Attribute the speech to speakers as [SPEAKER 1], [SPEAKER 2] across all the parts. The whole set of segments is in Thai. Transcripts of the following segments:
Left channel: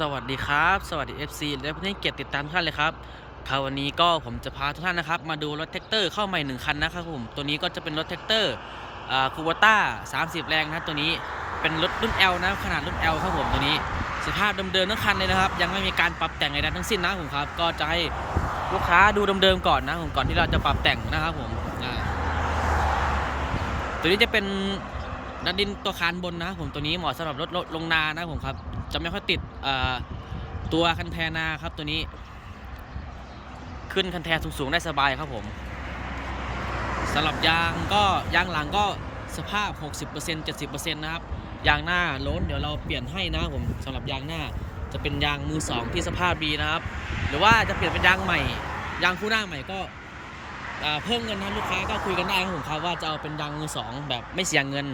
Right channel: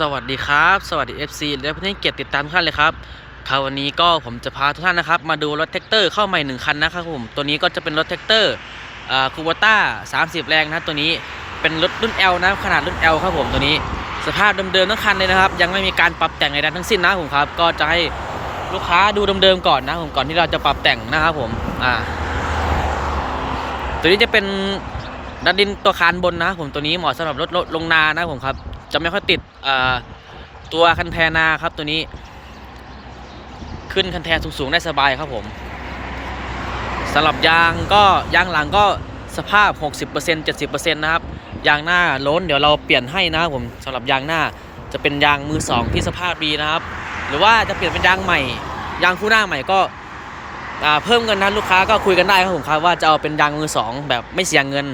[SPEAKER 1] สวัสดีครับ สวัสดี FC และเพื่อนๆเกียรติติดตามทุกท่านเลยครับครับวันนี้ก็ผมจะพาทุกท่านนะครับ มาดูรถแท็กเตอร์เข้าใหม่หนึ่งคันนะครับผมตัวนี้ก็จะเป็นรถแท็กเตอร์คูบต้า30 แรงนะตัวนี้เป็นรถรุ่น L นะขนาดรุ่น L ครับผมตัวนี้ สภาพเดิมๆทั้งคันเลยนะครับ ยังไม่มีการปรับแต่งใดๆทั้งสิ้นนะผมครับก็จะให้ลูกค้าดูเดิมๆก่อนนะผมก่อนที่เราจะปรับแต่งนะครับผมอ่าตัวนี้จะเป็นดัดดินตัวคานบนนะครับผมตัวนี้เหมาะสำหรับรถลงนานะครับผมครับ จะไม่ค่อยติดตัวคันแทนาครับตัวนี้ ขึ้นคันแทสูงๆได้สบายครับผมสำหรับยางก็ยางหลังก็สภาพ 60% 70%นะครับยางหน้าล้นเดี๋ยวเราเปลี่ยนให้นะครับผมสำหรับยางหน้าจะเป็นยางมือสองที่สภาพดีนะครับ หรือว่าจะเปลี่ยนเป็นยางใหม่ ยางคู่หน้าใหม่ก็เพิ่มเงินนะลูกค้าก็คุยกันได้ครับผมครับว่าจะเอาเป็นยางมือสองแบบไม่เสียเงิน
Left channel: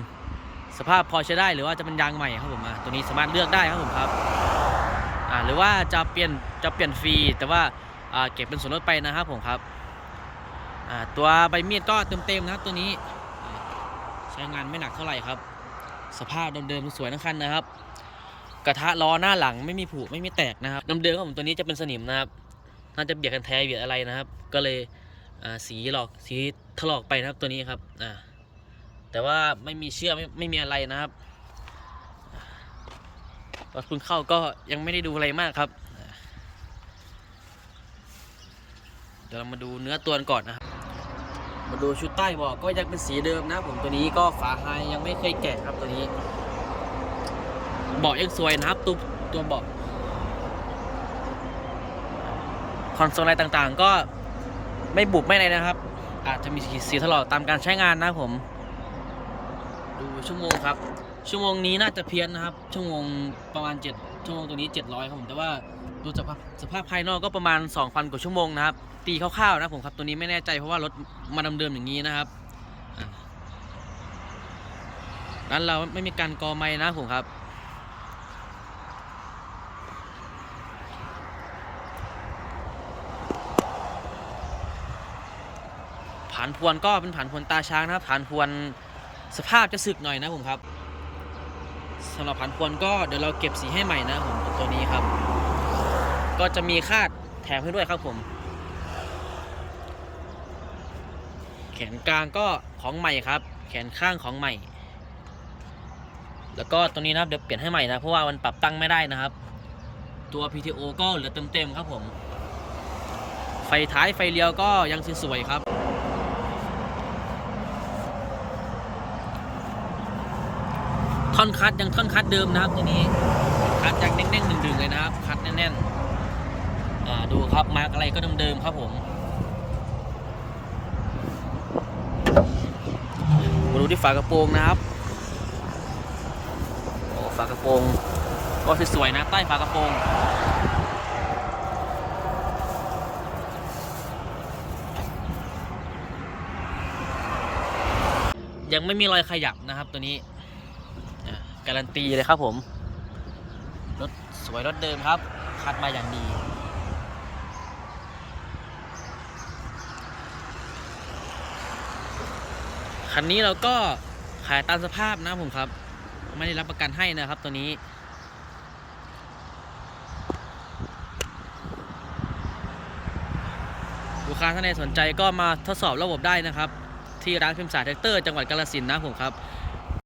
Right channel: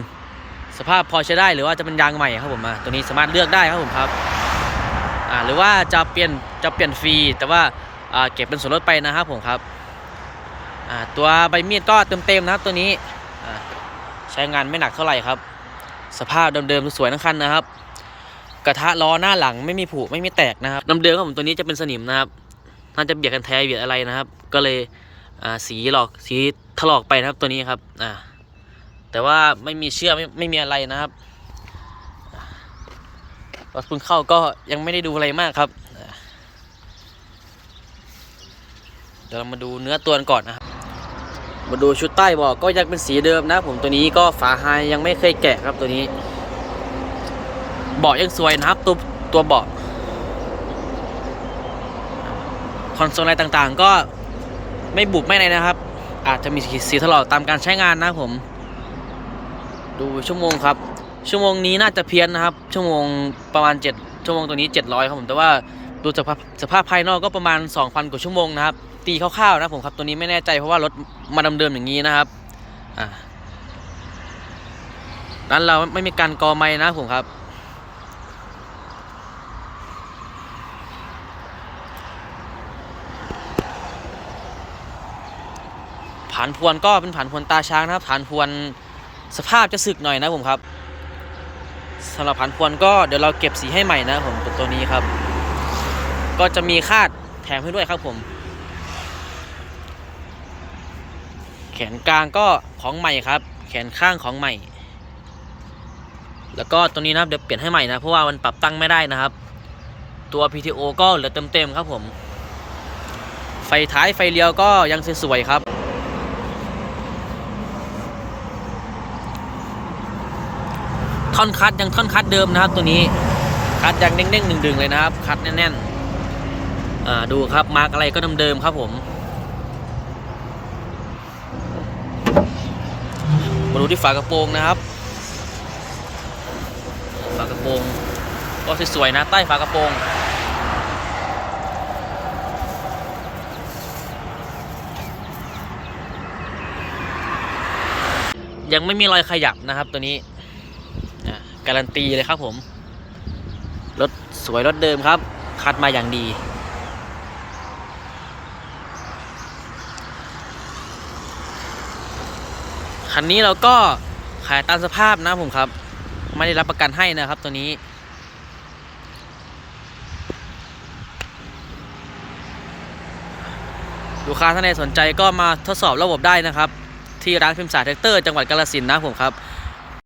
[SPEAKER 1] สภาพพอใช้ได้หรือว่าจะเป็นยางใหม่ครับผมอะตัวนี้สามารถเลือกได้ครับผมครับอ่าหรือว่าจะเปลี่ยนจะเปลี่ยนฟรี แต่ว่าอ่าเก็บเป็นส่วนลดไปนะครับผมครับอ่าตัวใบมีดก็เต็มๆนะครับตัวนี้อ่าใช้งานไม่หนักเท่าไหร่ครับ สภาพเดิมๆสวยทั้งคันนะครับ กระทะล้อหน้าหลังไม่มีผุไม่มีแตกนะครับเดิมๆครับผมตัวนี้จะเป็นสนิมนะครับน่าจะเบียดกันแท้เบียดอะไรนะครับ ก็เลยสีหลอกสีถลอกไปนะครับตัวนี้ครับอ่า แต่ว่าไม่มีเชื่อกไม่ไม่มีอะไรนะครับรถเพิ่งเข้าก็ยังไม่ได้ดูอะไรมากครับ เดี๋ยวเรามาดูเนื้อตัวก่อนนะครับ มาดูชุดใต้เบอกก็ยังเป็นสีเดิมนะ ผมตัวนี้ก็ฝาไฮยังไม่เคยแกะครับตัวนี้เบาะยังสวยนะครับ ตัวตัวเบาะคอนโซลอะไรต่างๆ ก็ไม่บุบไม่อะไรนะครับ อาจจะมีสีถลอกตามการใช้งานนะผม ดูชั่วโมงครับ ชั่วโมงนี้น่าจะเพี้ยนนะครับ ชั่วโมงประมาณ 7 ชั่วโมงตัวนี้ 700ครับผม แต่ว่าดูสภาพสภาพภายนอกก็ประมาณ 2,000 กว่าชั่วโมงนะครับ ตีคร่าวๆนะผมครับ ตัวนี้ไม่แน่ใจเพราะว่ารถมาเดิมอย่างนี้นะครับอ่าด้านเราไม่มีการกอไม้นะผมครับ ผ่านพวนก็เป็นผ่านพวนตาช้างนะครับ ผ่านพวน สภาพจะสึกหน่อยนะผมครับสำหรับผานพวนก็เดี๋ยวเราเก็บสีให้ใหม่นะผมตัวตัวนี้ครับ ก็จะมีคาดแถมให้ด้วยครับผม แขนกลางก็ของใหม่ครับ แขนข้างของใหม่ แล้วก็ตัวนี้นะครับเดี๋ยวเปลี่ยนให้ใหม่นะเพราะว่ามันปรับตั้งไม่ได้นะครับ ตัว PTO ก็เหลือเต็มๆครับผม ไฟท้ายไฟเลี้ยวก็ยังสวยๆครับ ท่อนคัดยังท่อนคัดเดิมนะครับ ตัวนี้คัดยังเด้งๆดึงๆเลยนะครับ คัดแน่นๆอ่าดูครับมาร์กอะไรก็เดิมๆครับผมมาดูที่ฝากระโปรงนะครับฝากระโปรงก็สวยๆนะใต้ฝากระโปรงยังไม่มีรอยขยับนะครับตัวนี้ การันตีเลยครับผม รถสวยรถเดิมครับ คัดมาอย่างดี คันนี้เราก็ขายตามสภาพนะผมครับ ไม่ได้รับประกันให้นะครับตัวนี้ลูกค้าท่านใดสนใจก็มาทดสอบระบบได้นะครับ ที่ร้านพิมพ์สาแท็กเตอร์จังหวัดกาฬสินธุ์นะผมครับ